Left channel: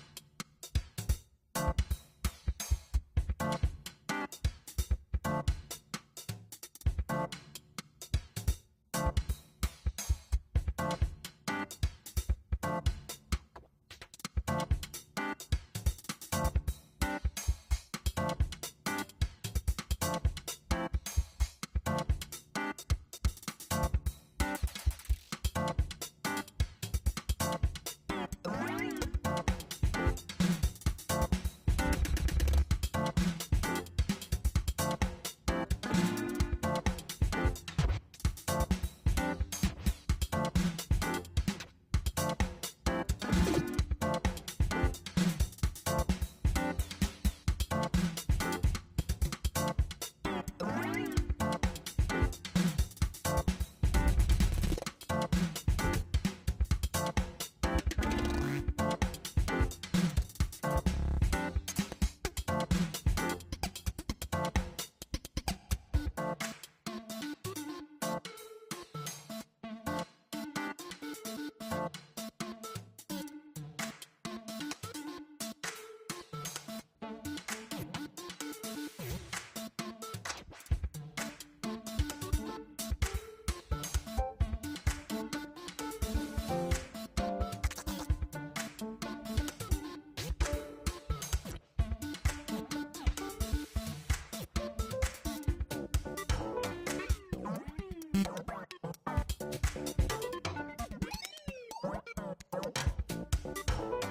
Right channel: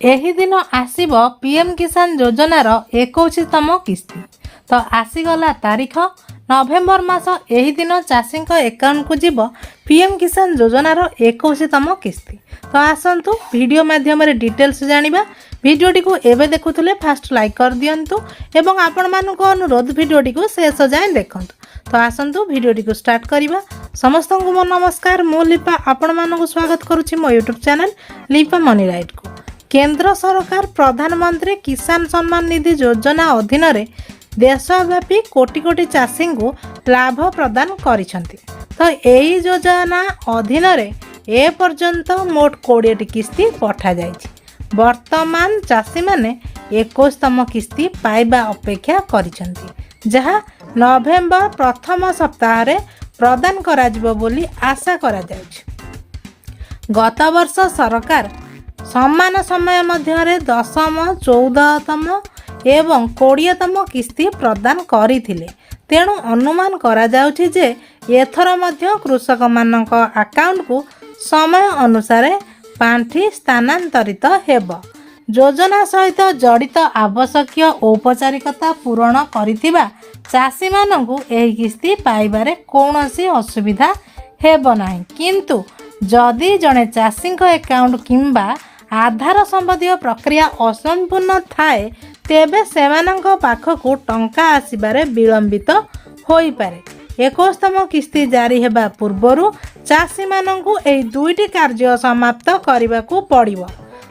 एही दिन आसीब पीएम किसान योजनार 21तम किस्ती। तो आसीगला तारीख नवेम्बर मास एही दिन चाषी एकाउंट को जीव पीएम किसान योजनार 21तम किस्ती। तो आसतु वीडियो माध्यम डिटेल्स जानिबा। वीडियोटी को एवं देखुले फास्ट लाइक कर दियंतु एवं आपण मानक अनुरोध वीडियोटी को शेष जाए देखंतु। तो आसतु वीडियोटी को स्टार्ट करिबा। समस्त को मो नमस्कार, मु लिपा आपण मानक स्वागत करुछि मो यूट्यूब चैनल लिपा मनी राइट को। केंद्र सरकार प्रधानमंत्री किसान सम्मान निधि योजना अधीन देशव्यापी कोटी कोटी चाषी को लाभ प्रदान करिसेंती। तो यही योजना अधीन ए पर्यंत मोट 20टी किस्ती पठा जाइछि। वर्तमान चाषी माने 21तम किस्ती पाइबा अपेक्षा करिसेंती, जहाँ नवेम्बर प्रथम सप्ताह रे प्रदान कराजिबो बोली आशा करा जाउछि। गत वर्ष सरकार समान समय मध्य 10, 14तम एवं 20तम किस्ती प्रदान करिथिले। तेणु अनुमान करा जाउछि जे एथर मध्य कृषक मानक अकाउंट को समय अनुसार पांठी स्थानांतरित हेब। योजना सहित जड़ित आवश्यक औपचारिकता पूरण करिथिबा चाषी मानकु एही किस्ती पाइबारे कौनसी असुविधा हेब नाही। किंतु जदि जड़े चाषी एकाउंट किंबा आधार संबंधी प्रक्रिया असंपूर्ण थाए तेबे सेमानंक पाखकु टंका आसिबारे विलंबित होई पारे। 21तम किस्ती जारी हेबा पूर्वरु चाषी मानंकु एही दुईटी कार्य समाप्त करबाकू पड़िबो।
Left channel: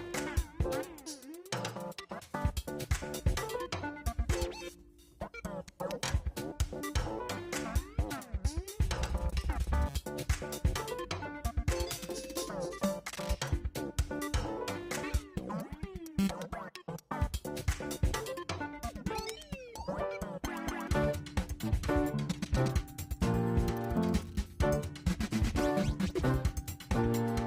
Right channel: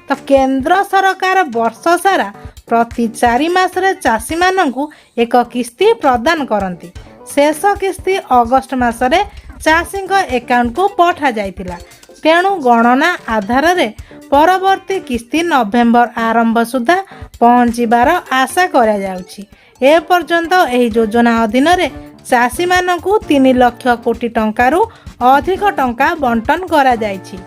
तो केंद्र सरकार वर्ष सारा प्रति 4 मासरे चाषी मानंकु एक किस्ती प्रदान करंती। शेष किस्ती अगस्त मासरे चाषी एकाउंट को पठा जाइतिला। तेणु गणना आधार रे परवर्ती किस्ती नवेम्बर आरंभ सुधा पहुँचबार आशा करा जाउछि। ए पर्यंत एही योजना अधीन रे चाषी मानकु 3 लाख कोटी टंकारु अधिक टंका बंटन करा जाइछि।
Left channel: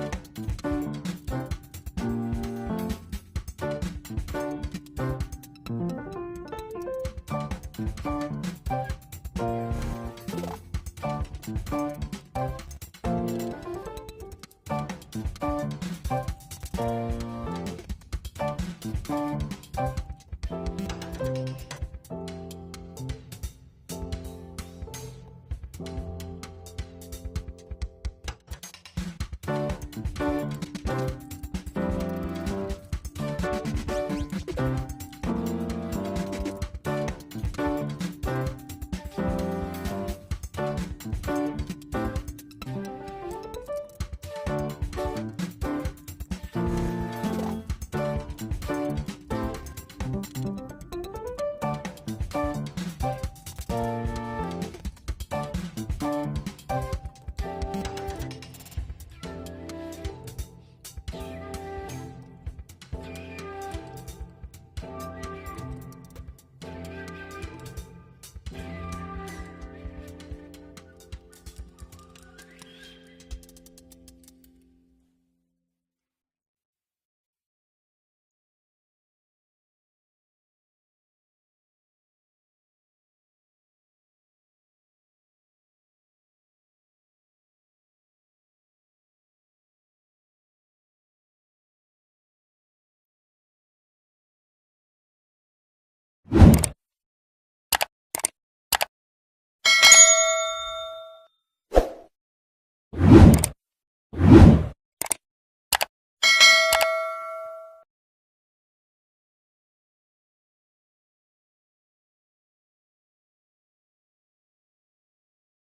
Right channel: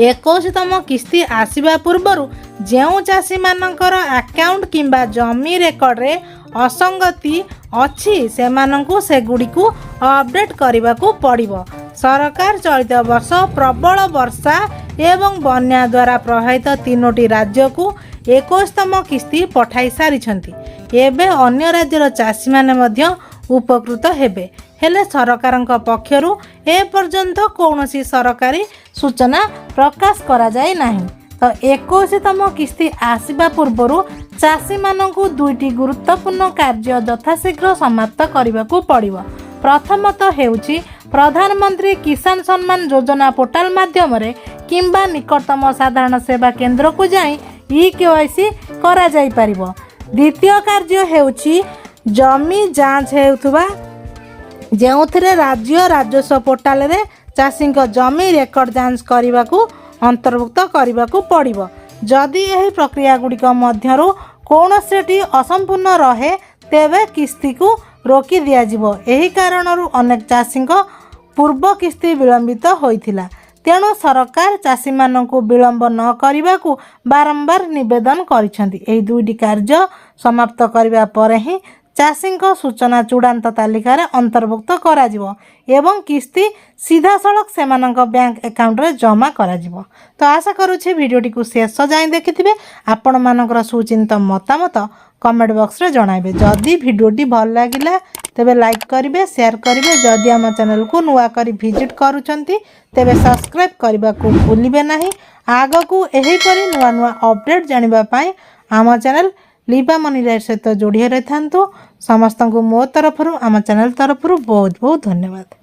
21तम किस्ती आसीबा पूर्वरु जेउ चाषी मानकर अकाउंट किंबा जमी रेकर्ड रे असंगति अछि सेमानंकु सेगुडी को अपडेट करबाकू पड़िबो। सरकार चलित वर्ष प्रबल वर्षा एवं बन्या द्वारा प्रभावित 3टी राज्य को 21तम किस्ती पठाई सारिछंती। एबे अन्य राज्यर चाषी माने मध्य उपकृत हेबे। हेले सरकारक पक्षरु ए पर्यंत कौनसी सरकारी सूचना प्रकाश करा जाय नाही। तो 21तम किस्ती आसीबा पूर्वरु चाषी मानकु दुईटी गुरुत्वपूर्ण कार्य यथाशीघ्र समाप्त करबाकू पड़िबो। प्रथमतः हेउची प्रधानमंत्री किसान सम्मान योजना पोर्टाल माध्यम रे किंबा निकटतम साधारण सेवा केंद्र को जाई ई-केवाईसी करा जाई परिबो। द्वितीय कार्य हेउची जमी जांच हेउथुबा जेउथरे राज्य राजस्व पोर्टाल रे चाषी जमी रेकर्ड जांच करबाकू अंतर्भुक्त करबाकू पड़िबो। जदि एही प्रक्रिया गुड़िक मध्यरु कौनसीटी असंपूर्ण रहे तेबे किस्ती को रोकी दिया जिवो। एही कारणरु अनेक चाषी पूर्व किस्ती विलंबित होइथिला। तेणु सरकार चाषी मानकु विलंब न करबाकू बारंबार निवेदन करिसेंती। एही दुईटी कार्य समाप्त करबा परे ही चाषी सूचना चूड़ांत तालिका रे अंतर्भुक्त करा जिवो एवं किस्ती सीधा सड़क सेमानक बैंक अकाउंट रे जमा करा जिवो। तो आशा करूछि वीडियोटी को शेष जाए देखिथिबे। आपण मानकर सुचिंत मतामत कमेंट बॉक्स रे जणाइबे। जदि वीडियोटी भल लागिला तेबे लाइक करिवे, शेयर करिवे। जदि हम चैनल को नुआ करी विजिट करूचंती तेबे सब्सक्राइब करबा को भूलिबे नाही। आगो को एही परि नुआ नुआ अपडेट जानिबा पई हम चैनल लिपा मनी राइट सहित जोड़ी रही था। समस्त को मो तरफ आम चैनल तरफ बहुत बहुत धन्यवाद।